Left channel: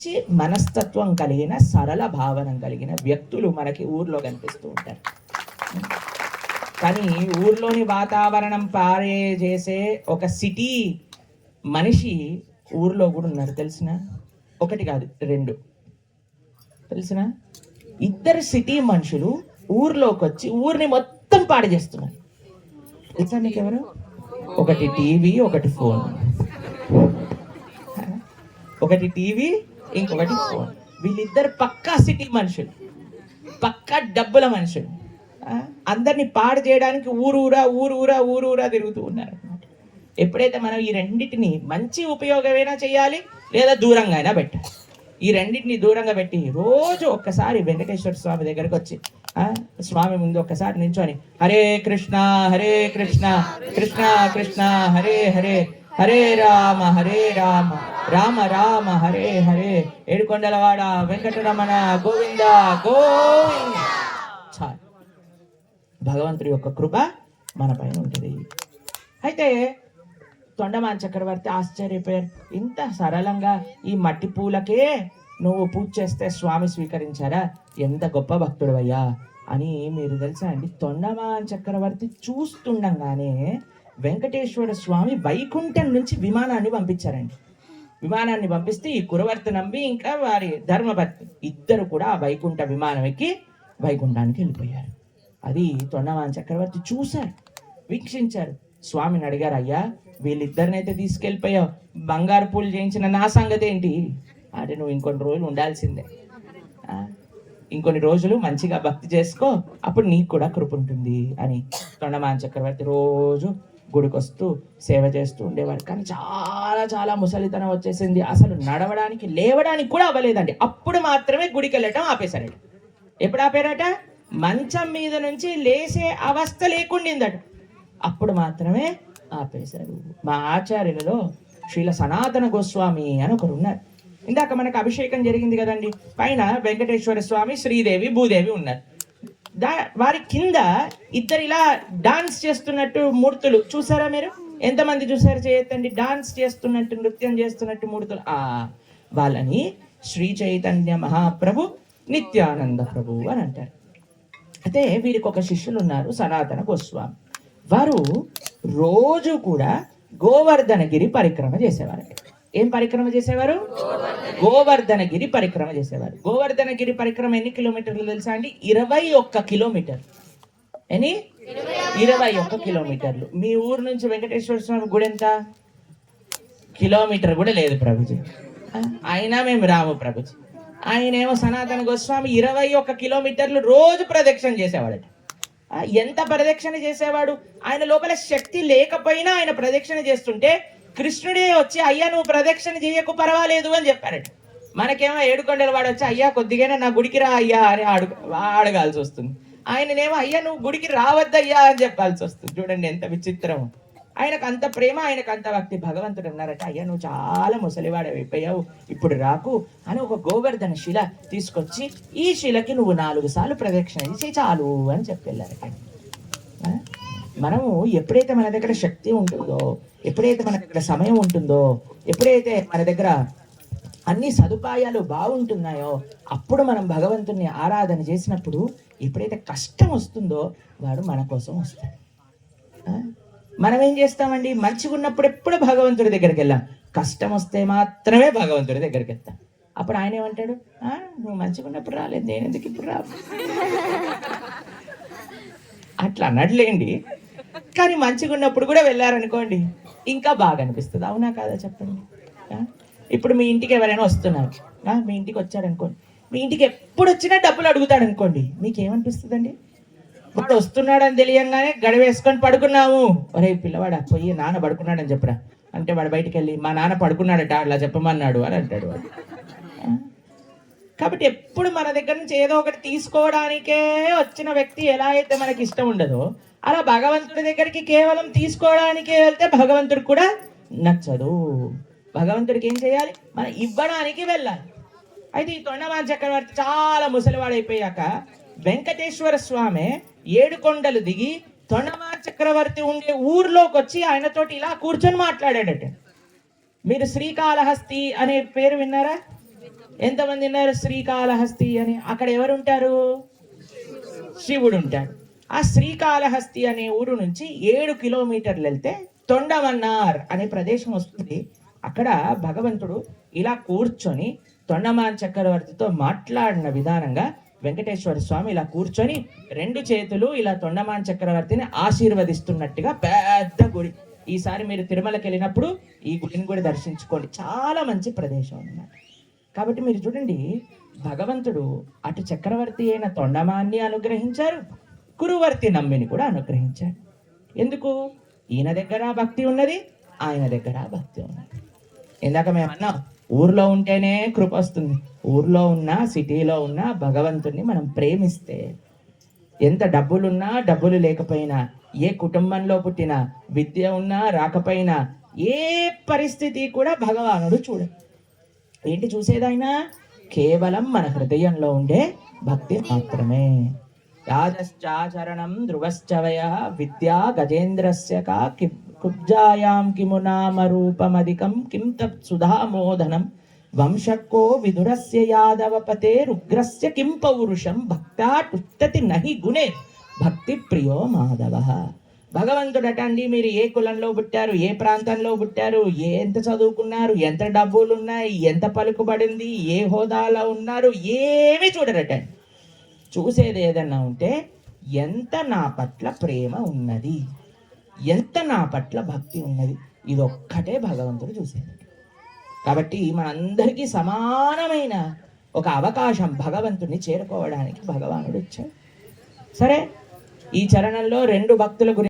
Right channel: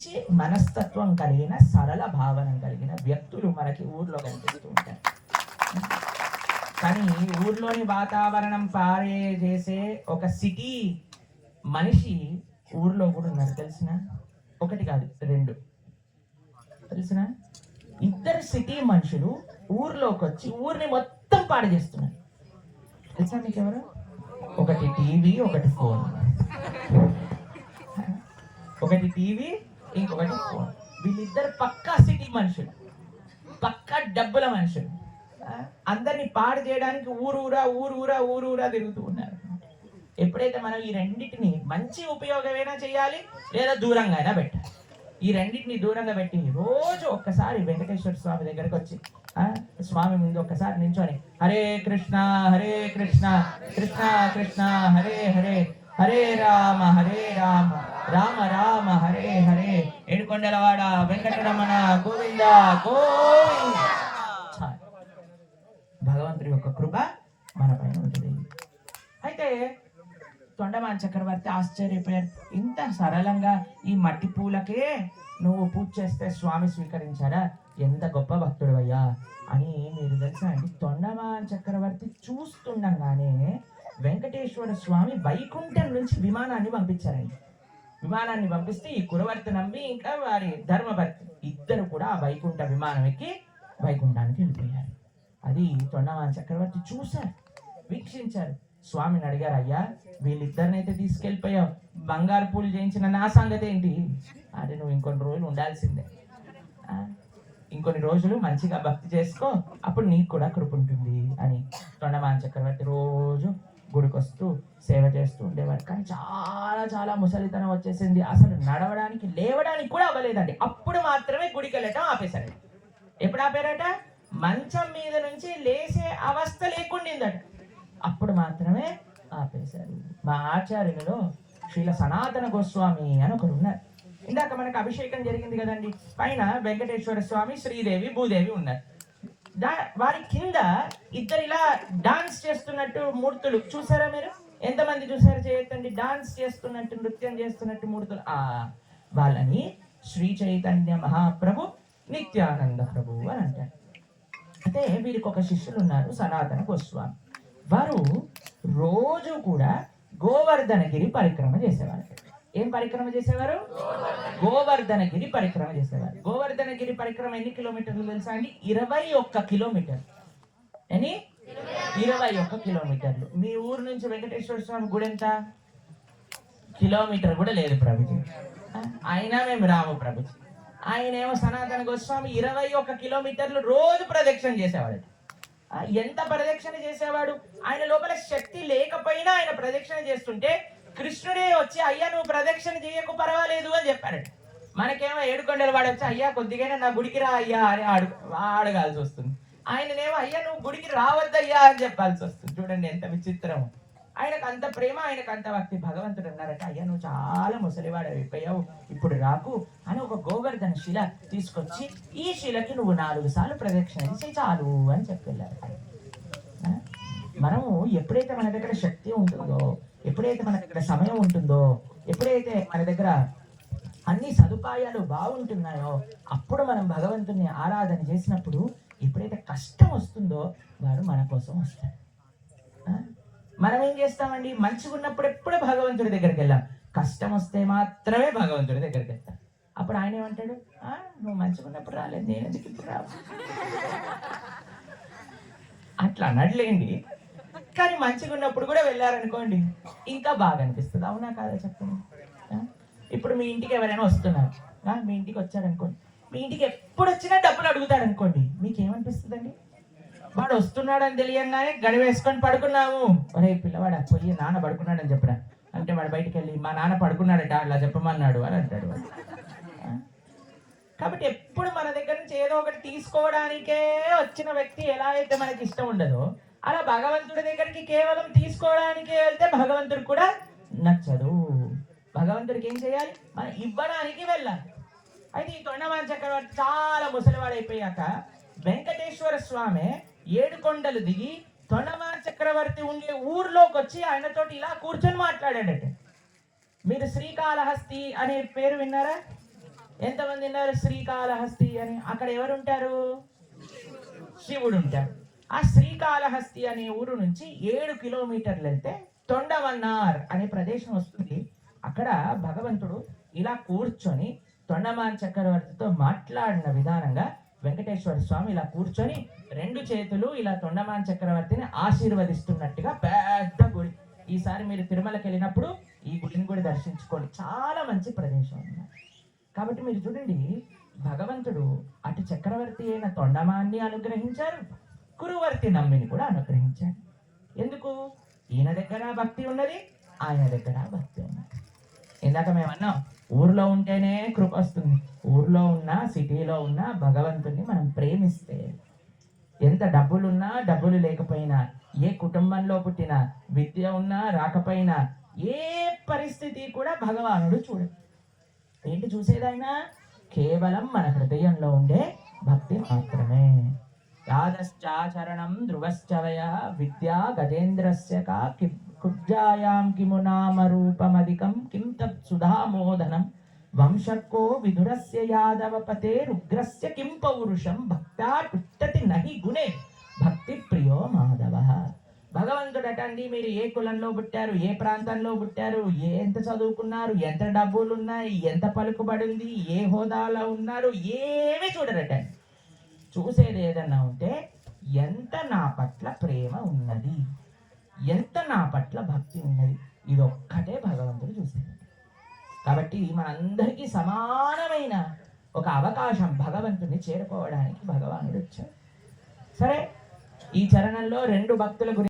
మంచి మనస్తత్వం కలిగిన సరళ భావన కలిగిన వ్యక్తులు మనకి ఊర్లో కనిపిస్తూ ఉంటారు. కానీ ఊర్లోని వాతావరణం పారే చేసే ఒక సిటీ మనిషి ఊర్లో కూడా ఉన్నారు తెలిసిన? ఒకటి కాదు రెండు. తెలిసిన? ఇద్దరు సిటీ మనుషులు ఊర్లోకి వచ్చి ఊరిని మొత్తం పాడు చేస్తున్నారు. తెలుసా మీకు ఎవరు ఒకటి టీవీ ఒకటి ఫోన్. ఒకటి టీవీ ఇంకొకటి ఫోన్ వీళ్ళిద్దరు పక్కా సిటీ మనుషులు పక్కా డబ్బుల మనుషులు. అందరినీ పాడు చేయడానికి ఊరూరా ఊరూరా ఊరూరా తిరుగుతూ ఉన్నారు. ఎప్పుడైతే మనం ఈ రెండింటిని మంచి ఉపయోగమైనా చేయాలి లేదా దూరంగా అయినా పెట్టాలి. ఈ రెండింటిని దూరంగా పెట్టి రోజు ఒక్కసారి వెంకటేశ్వర స్వామి దగ్గరకు వచ్చి స్వామి ముందు ఒక్కసారి నించొని హరే కృష్ణ హరే కృష్ణ కృష్ణ కృష్ణ హరే హరే హరే రామ హరే రామ రామ రామ హరే హరే. ఏడుకొండలవాడ వెంకటరమణ గోవింద గోవింద. భగవంతుడి యొక్క కృప మన పైన ఉంటుంది. అయితే తొండమాన్ చక్రవర్తి ఆశ్చర్యపోయారు. ఇంత సరళంగా ఈ మట్టి పూలకే నువ్వు పూజ చేస్తే స్వామి స్వీకరించారా? ఎంత గొప్ప భక్తుడవయ్యా అని మీరు తెలుసా అండి? తొండమాన్ చక్రవర్తి చూస్తుండగానే వెంకటేశ్వర స్వామి వైకుంఠం నుంచి విమానాన్ని పంపించారండి. విమానాన్ని పంపిస్తే ఈ కురవర్తి నమ్మి ఇంకా వారి ధర్మభర్తి ఇద్దరు కూడా ఆ వైకుంఠ విమానం ఎక్కి వైకుంఠానికి వెళ్ళిపోయారు. అది తొండవాన్ చక్రవర్తి చూశారు వీక్షించారు. స్వామిని అడిగారు అయ్యా వీళ్ళిద్దరినైతే తీసుకెళ్ళిపోయావు. బంగారు పూలు చేయించిన నా సంగతి ఏంటి? అంటే నువ్వు ఇంకొన్ని రోజులు ఉండాల్సిందే. ఇంకొన్ని రోజులు మంచిగా భక్తి చేసుకో అప్పుడు నీకు కూడా కృప ఉంటుంది అని తొండమాన్ చక్రవర్తి రోజు గుడికొస్తూ సేవ చేస్తూ ఉండేవాడు కానీ చాలా చాలా ముసలితనం వచ్చేసింది. అసలు నడవడానికి లేవడానికి కూడా అవ్వలేదండి. అప్పుడు మాత్రమే గుడికి వెళ్ళటం ఆపేశాడు ఎప్పుడు ఆపారట? మంచం మీద నుంచి లేసే అవస్థ లేకుండిందట. అప్పుడు మాత్రమే ఆపేశారు. మా ఆచార్యులలో శ్రీల సనాతన గోస్వామి అని ఒకరు ఉన్నారు. ఇందాక మనకు అభిషేకం జరిగింది కదండి. పైన వెంకటేశ్వర స్వామి శ్రీదేవి భూదేవి ఉన్నారు. దా వారి కింద ఇద్దరు ఇలా డాన్స్ చేస్తున్నట్టు మూర్తులు. చూసారా మీరు? ఎంతమంది చూసారు చేయొద్దండి డాన్స్ చేస్తున్నట్టు నృత్యం చేస్తున్నట్టు మూర్తులు. ఆ వాళ్ళని శ్రీ చైతన్య మహాప్రభు నిత్యానంద ప్రభు అని అంటారు. అయితే వీరికి ఒక శిష్యులు ఉన్నారు సనాతన గోస్వామి. వారు రోజు కూడా గోవర్ధనగిరి పరిక్రమ చేసేవారు ఏం పరిక్రమ చేసేవారు? గోవర్ధనగిరి పరిక్రమ చేసేవారు. గోవర్ధనగిరి పరిక్రమ ఎన్ని కిలోమీటర్లు తెలుసా అండి? ఇరవై ఒక్క కిలోమీటర్. ఎన్ని? ఇరవై ఒక్క కిలోమీటర్లు. మీ ఊరు నుంచి వెంకటేశ్వర స్వామి గుడి ఎంత? కిలోమీటర్ కూడా లేదు ప్రభుజీ. అయినా మేము రాము ప్రభుజీ. ఆయన ఏమో సనాతన గోస్వామి ఇరవై ఒక్క కిలోమీటర్లు రోజు ప్రదక్షిణ చేసేవాడట. ఎంత ప్రదక్షిణ చేసేవాడు? ఆయన లోపల శక్తి లేకపోయినా ఆయన ప్రదక్షిణ చేస్తుంటే కృష్ణుడే వచ్చి అయ్యా నువ్వు ప్రదక్షిణ చేయకు పర్వాలేదు అని చెప్పారట. మనకేమో ఏడుకొండలు వాడు వచ్చి అయ్యా కొద్దిగానే నా గుడికి రా అయ్యా అని అడుగు అడగాల్సి వస్తుంది. ఆయననేమో అయ్యా నువ్వు గుడికి రావద్దయ్యా అని చెప్పాల్సి వస్తుంది. చూడండి ఎంత విచిత్రం ఆయనకు అంత ప్రేమ ఆయనకు అంత భక్తి. భగవంతుడు అన్నారట అయ్యా నువ్వు చాలా ముసలివాడైపోయావు ఇప్పుడు రాకు అని ఒక గోవర్ధన శిల తీసుకొచ్చి ఈ శిలకి నువ్వు నాలుగు సార్లు ప్రదక్షిణ చేసి చాలు అని చెప్పి వెళ్ళారట మనము ఎప్పుడైతే మన దగ్గర శక్తి ఉంటుందో ఎప్పుడైతే మన దగ్గర సమయం ఉంటుందో ఎప్పుడైతే మన దగ్గర అన్ని సదుపాయాలు బాగుంటున్నాయో అప్పుడు మనం భగవంతుని ఆరాధన చేసినప్పుడు ఎప్పుడైతే కష్టం వస్తుందో వాడు మన కోసం వస్తాడు. మనం ఏం చేస్తామండి? మంచిగా ఉన్నప్పుడు ఎప్పుడు భగవంతుడి దగ్గరికి వెళ్ళాం. కష్టం వస్తే మాత్రమే భగవంతుడి దగ్గరికి వెళ్తాం. అప్పుడు ఆయన ఏమంటాడు? నువ్వు మంచిగా ఉన్నప్పుడు రాలేదు నేను ఎందుకు ఇప్పుడు రా అట్లా అనట్లేండి. కానీ మంచిగా ఉన్నప్పుడు కూడా వెళ్ళారనుకోండి. ఇంకా బాగా అనిపిస్తుంది. అవునా కాదా చెప్పండి? ఇప్పుడు మీ ఇంటికి ఎవరైనా వస్తున్నారు. మీ ఇంటికి వచ్చారనుకోండి. మీ ఇంటికి ఎప్పుడు వచ్చినా డబ్బులు అడుగుతాడు అనుకోండి మీకేమనిపిస్తుందండి? వాడు వస్తున్నాడని తెలియంగానే గడివేసుకొని పడుకున్నాము. ఒరే పిల్లవాడు పోయి నాన్న పడుకున్నాడని చెప్పరా? అంటే వాడు బయటికి వెళ్ళి మా నాన్న పడుకున్నాడట అట్లా చెప్పమన్నాడు అని అంటాడు వాడు. కాబట్టి ఎప్పుడు మన దగ్గర నుంచి ఏదో ఒకటి తీసుకోవడానికే వచ్చిన వ్యక్తి ఎలా అయితే మనకి ఇష్టం ఉండదో అలా భగవంతుడి దగ్గరికి కేవలం తీసుకోవడానికే వెళ్తే భగవంతుడికి కూడా నచ్చదు భగవంతుడికి ఏం చేయాలి? మనం ఇవ్వడానికి వెళ్ళాలి. అయితే ఈ తొండమాన చక్రవర్తి చాలా ముసలివాడైపోయాక వెంకటేశ్వర స్వామి ఏడు కొండలు దిగి తొండమాన చక్రవర్తి ఉండే ఊర్లోకి వచ్చి ఆయనతోటి ఇలా కూర్చొని మాట్లాడాడట. మీరు శ్రీకాళహస్తి అనే పేరు విన్నారా? ఎంతమంది విన్నారు శ్రీకాళహస్తి అని? అక్కడ ఎవరు ఉంటారు శివుడు ఉంటాడు ఆ శ్రీకాళహస్తి అనే ఊరు నుంచి ఏడు కిలోమీటర్లు వెళ్తే తొండమన్నార్ అనే ప్రదేశం వస్తుంది. అక్కడ భగవంతుడు ఇలా కూర్చొని తొండమాన్ చక్రవర్తితో మాట్లాడిన విధానంగా వెంకటేశ్వర స్వామి ఇలా కూర్చొని రెండు చేతులు ఇలా తొండమాన్ చక్రవర్తిని ఆశీర్వదిస్తున్నట్టుగా పెద్ద గుడి. ఈసారి మీరు తిరుమలకి వెళ్ళినప్పుడు ఈ గుడిని కూడా దర్శించుకోండి. చాలా మంచి ప్రదేశం అన్నమాట. కాబట్టి మీరు చూడండి భగవంతుడు అటు చక్రవర్తి అయిన తొండమాన్ని అనుగ్రహించారు కురువర్తి నమ్మిని కూడా అనుగ్రహించాడు. ఎందుకు? ఈయన దగ్గర భక్తి ఉన్నది ఆయన దగ్గర భక్తి ఉన్నది. ఇందాక మేము అన్నాం ఊర్లో ఉంటేనే కృప వస్తుంది. ఊర్లో ఉన్న సిటీలో ఉన్న భగవంతుణ్ణి మనం ప్రేమిస్తే ఎంత డబ్బులున్నా డబ్బులు లేకపోయినా ఏ కుటుంబంలో పుట్టినా విద్య ఉన్నా రాకపోయినా ఏ పరిస్థితి కూడా భగవానుడు చూడడు ఏంటి చూసేదైనా కేవలం మన హృదయంలో ఉండే భక్తి మాత్రమే. తాదశ్చాచరణం ధ్రువశ్చవయ విద్యా గజేంద్రస్య కా కుబ్జాయాం కిము నామ రూపమధికం కిం తత్ సుధామోదనం వంశకో విధురస్య యాదవపతే రుగ్రస్య కిం పౌరుషం భక్తాటుత్తతి నహి గుణే భక్తి ప్రియో మాధవ భగవంతుడట అండి మీరు ఏ కులంలో పుట్టారు? ఏ ప్రాంతంలో పుట్టారు? ఏ ఎంత చదువుకున్నారు? ఎంత డబ్బులు ఉన్నాయి ఎంత పలుకుబడింది? ఏ హోదాలో ఉన్నారు? ఏమి చూడరటండి. చూసేది ఏదన్నా ఉంటే ఎంత నా పట్ల ప్రేమ ఉన్నది ఎంత నా పట్ల భక్తి ఉన్నది ఇది ఒక్కటే భగవంతుడు చూసేది. కాబట్టి మనందరికీ సమానమైన ఒక అవకాశం భగవంతుడిని చేరుకోవడానికి భగవానుడు ఇచ్చాడు సరే ఈ చరణంలో రెండు భక్తుల గురించి